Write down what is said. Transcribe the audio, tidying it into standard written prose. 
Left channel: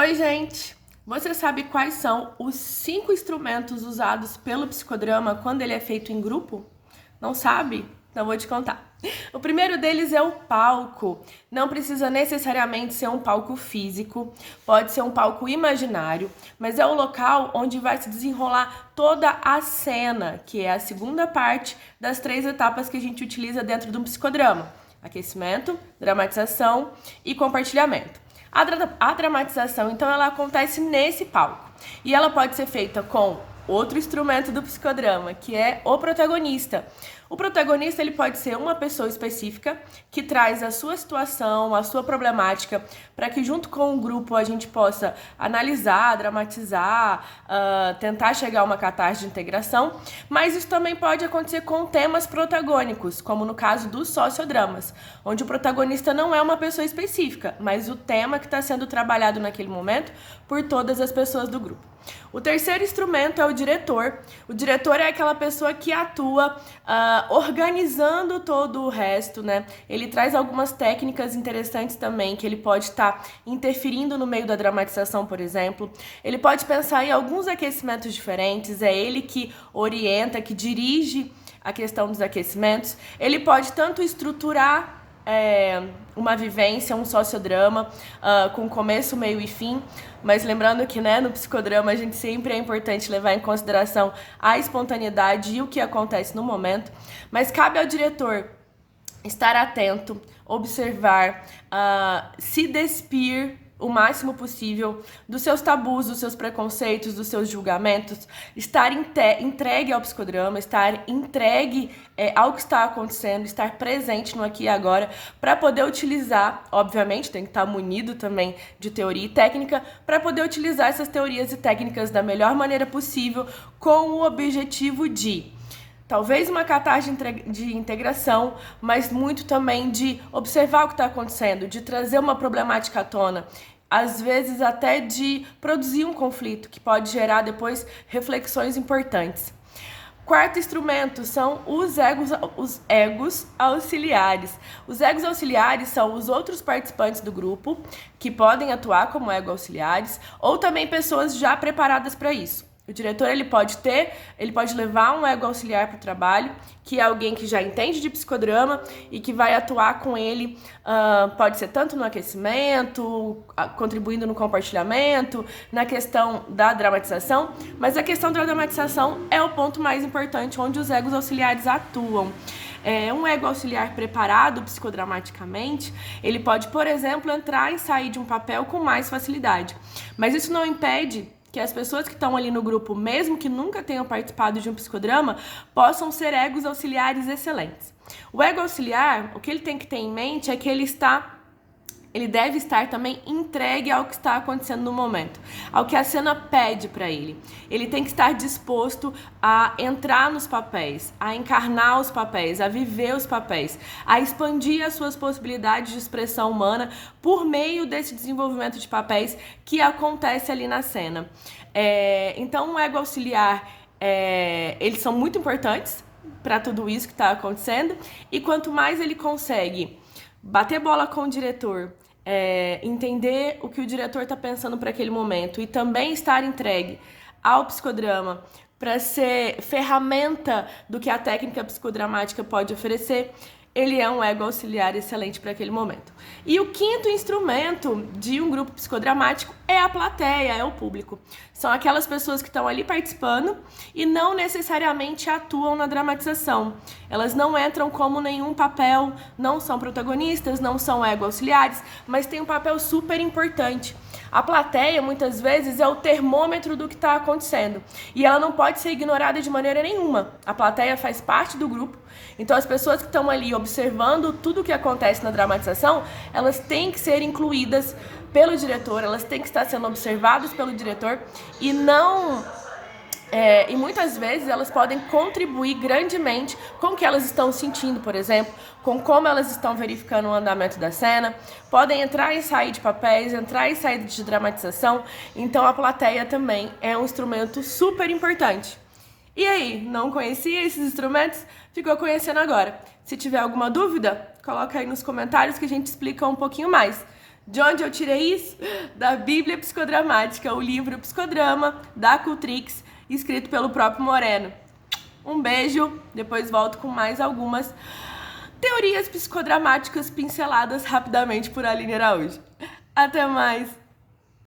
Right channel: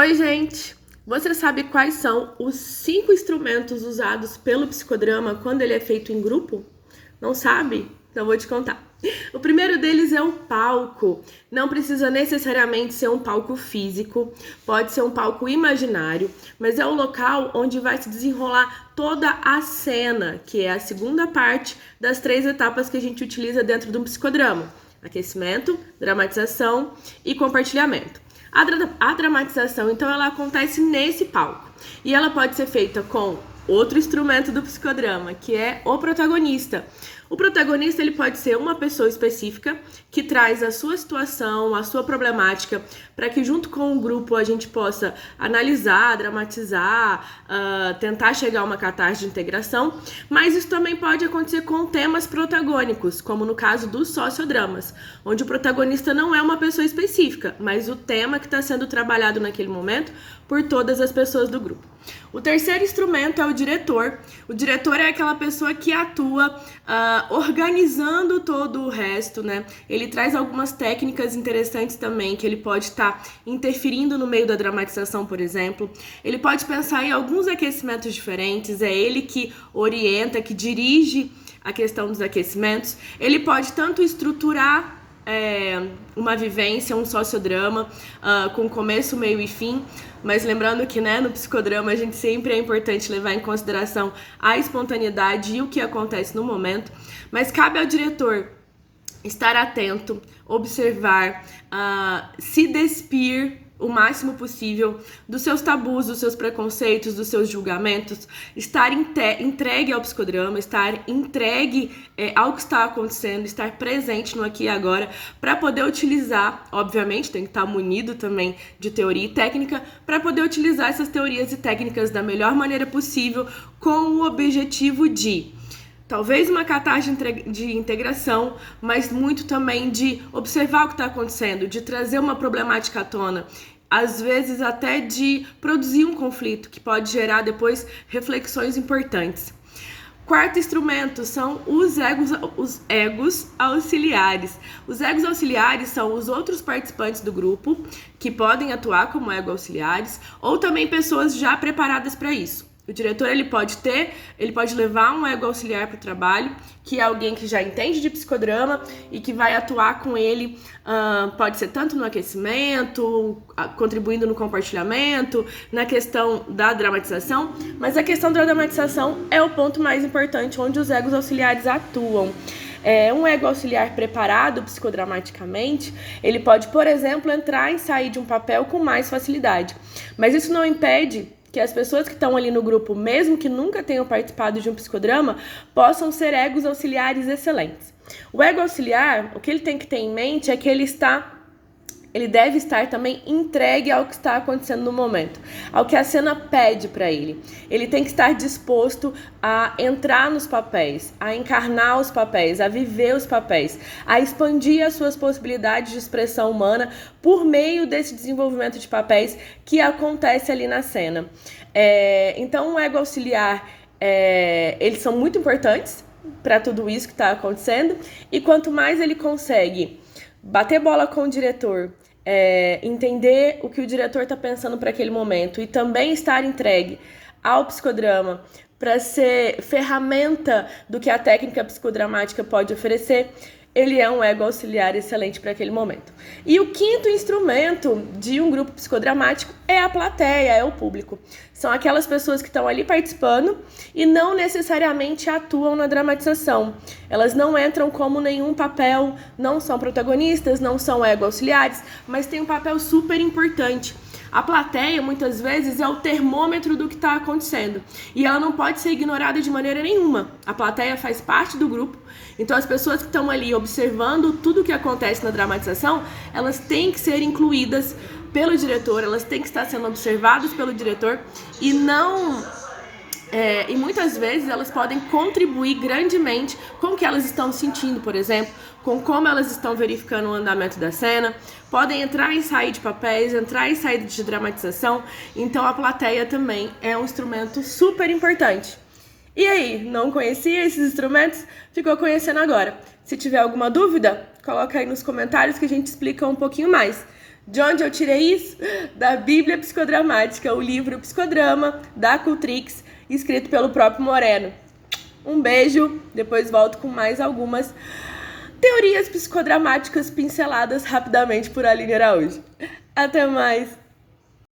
Oi, gente! Você sabe quais são os 5 instrumentos usados pelo psicodrama quando ele é feito em grupo? Não sabe? Então vou te contar. O primeiro deles é o palco. Não precisa necessariamente ser um palco físico, pode ser um palco imaginário, mas é o local onde vai se desenrolar toda a cena, que é a segunda parte das 3 etapas que a gente utiliza dentro de um psicodrama: aquecimento, dramatização e compartilhamento. A dramatização, então, ela acontece nesse palco e ela pode ser feita com outro instrumento do psicodrama, que é o protagonista. O protagonista, ele pode ser uma pessoa específica que traz a sua situação, a sua problemática, para que junto com o grupo a gente possa analisar, dramatizar, tentar chegar a uma catarse de integração, mas isso também pode acontecer com temas protagônicos, como no caso dos sociodramas, onde o protagonista não é uma pessoa específica, mas o tema que está sendo trabalhado naquele momento por todas as pessoas do grupo. O terceiro instrumento é o diretor. O diretor é aquela pessoa que atua organizando todo o resto, né? Ele traz algumas técnicas interessantes também, que ele pode estar interferindo no meio da dramatização, por exemplo. Ele pode pensar em alguns aquecimentos diferentes, é ele que orienta, que dirige a questão dos aquecimentos. Ele pode tanto estruturar uma vivência, um sociodrama, com começo, meio e fim, mas lembrando que, né, no psicodrama a gente sempre é importante levar em consideração a espontaneidade e o que acontece no momento, mas cabe ao diretor estar atento, observar, se despir o máximo possível dos seus tabus, dos seus preconceitos, dos seus julgamentos, estar entregue ao psicodrama, estar entregue ao que está acontecendo, estar presente no aqui e agora, para poder utilizar, obviamente, tem que estar munido também de teoria e técnica, para poder utilizar essas teorias e técnicas da melhor maneira possível, com o objetivo de talvez uma catarse de integração, mas muito também de observar o que está acontecendo, de trazer uma problemática à tona, às vezes até de produzir um conflito que pode gerar depois reflexões importantes. Quarto instrumento são os egos auxiliares. Os egos auxiliares são os outros participantes do grupo que podem atuar como ego auxiliares ou também pessoas já preparadas para isso. O diretor ele pode levar um ego auxiliar para o trabalho, que é alguém que já entende de psicodrama e que vai atuar com ele, pode ser tanto no aquecimento, contribuindo no compartilhamento, na questão da dramatização, mas a questão da dramatização é o ponto mais importante, onde os egos auxiliares atuam. Um ego auxiliar preparado psicodramaticamente, ele pode, por exemplo, entrar e sair de um papel com mais facilidade, mas isso não impede que as pessoas que estão ali no grupo, mesmo que nunca tenham participado de um psicodrama, possam ser egos auxiliares excelentes. O ego auxiliar, o que ele tem que ter em mente é que ele deve estar também entregue ao que está acontecendo no momento, ao que a cena pede para ele. Ele tem que estar disposto a entrar nos papéis, a encarnar os papéis, a viver os papéis, a expandir as suas possibilidades de expressão humana por meio desse desenvolvimento de papéis que acontece ali na cena. Então, o ego auxiliar, eles são muito importantes para tudo isso que está acontecendo, e quanto mais ele consegue bater bola com o diretor, entender o que o diretor está pensando para aquele momento e também estar entregue ao psicodrama para ser ferramenta do que a técnica psicodramática pode oferecer, ele é um ego auxiliar excelente para aquele momento. E o quinto instrumento de um grupo psicodramático é a plateia, é o público. São aquelas pessoas que estão ali participando e não necessariamente atuam na dramatização. Elas não entram como nenhum papel, não são protagonistas, não são ego auxiliares, mas têm um papel super importante. A plateia, muitas vezes, é o termômetro do que está acontecendo e ela não pode ser ignorada de maneira nenhuma. A plateia faz parte do grupo, então as pessoas que estão ali observando tudo o que acontece na dramatização, elas têm que ser incluídas pelo diretor, elas têm que estar sendo observadas pelo diretor e muitas vezes elas podem contribuir grandemente com o que elas estão sentindo, por exemplo, com como elas estão verificando o andamento da cena, podem entrar e sair de papéis, entrar e sair de dramatização, então a plateia também é um instrumento super importante. E aí, não conhecia esses instrumentos? Ficou conhecendo agora. Se tiver alguma dúvida, coloca aí nos comentários que a gente explica um pouquinho mais. De onde eu tirei isso? Da Bíblia Psicodramática, o livro Psicodrama, da Cultrix, escrito pelo próprio Moreno. Um beijo, depois volto com mais algumas teorias psicodramáticas pinceladas rapidamente por Aline Araújo. Até mais!